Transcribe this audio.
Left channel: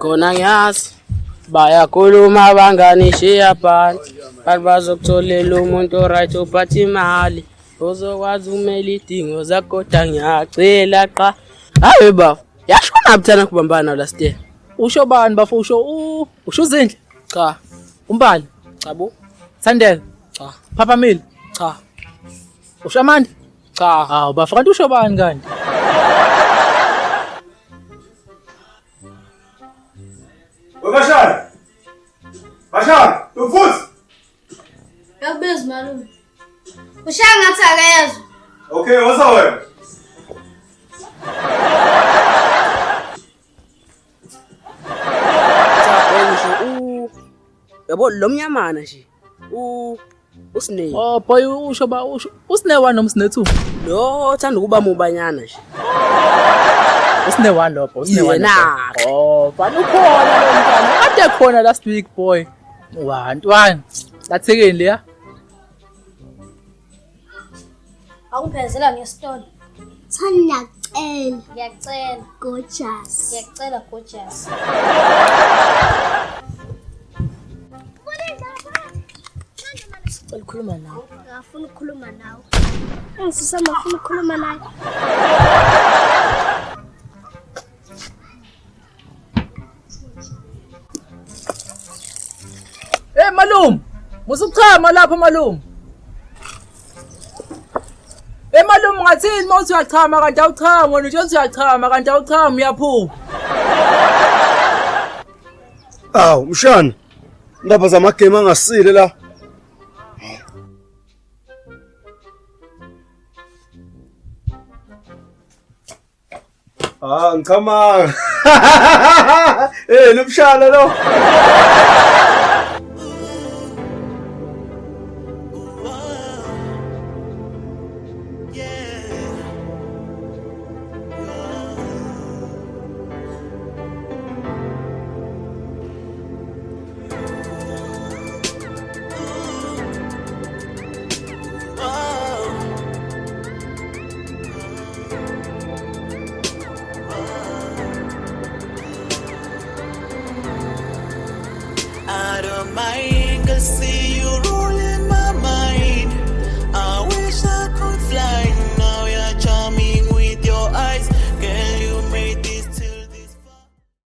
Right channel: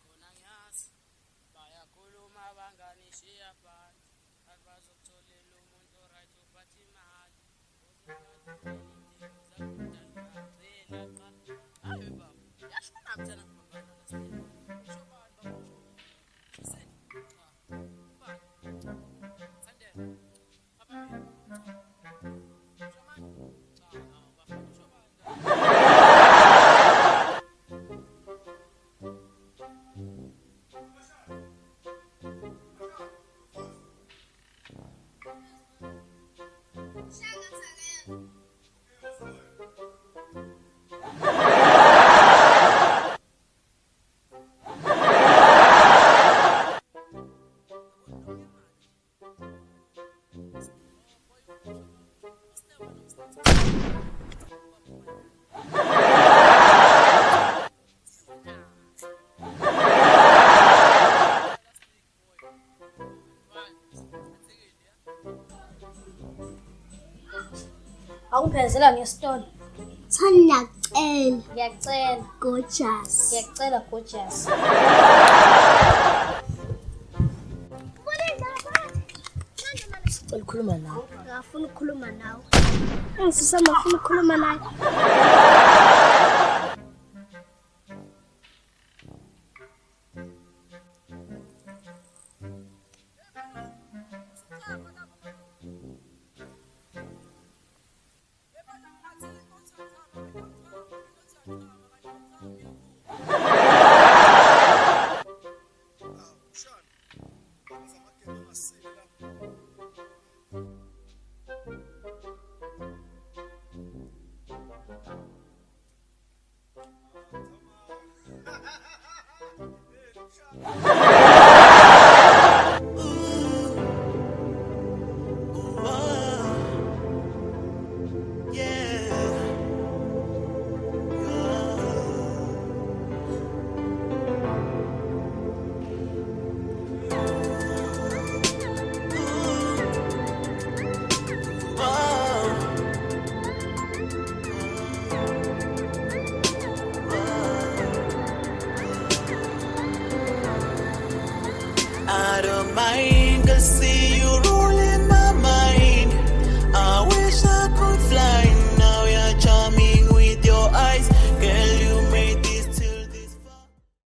Khona ngiyazi bayakhuluma banganishiya phansi kanti bazokutholela umuntu oright ophatha imali ozokwazi ukumela idingo zakho kodwa ngiyacela qa hayi baba yashona buthana kubambana last year Usho bani bafo usho Zindle? cha Umbali? cha bo Sandile? cha Papa Mill? cha Usho Amanda? cha Hawu bafo kanti usho bani kanti? Bashar, tumfuzi. Yakubiza malume. Ushaya ngathi akayezwa. Okay, woza wena. yabo lo mnyamana nje usine Oh boy usho usine 1 noma usine 2? lo thanda ukuba mubanyana nje Usine 1 lopho, usine 1. Yena. Oh, bani ukhona kade khona last week boy. 1 lathekeni leya. Awungiphezela ngesitolo. Ngiyacela. Gorgeous. Ngiyacela gorgeous. ukhuluma nawe Ngafuna ukukhuluma nawe. Ngifisa ngafuna ukukhuluma nawe. Hey malum, musuchama lapha malum. Hey malum ngathini mawuthi uyachama kanti awuchama wena nje uthi uyachama kanti awuchama uyaphuma. Aw, mshana. Indaba zamagame angasile la. Ngicama. Nomshana lo. Out of my anger, see you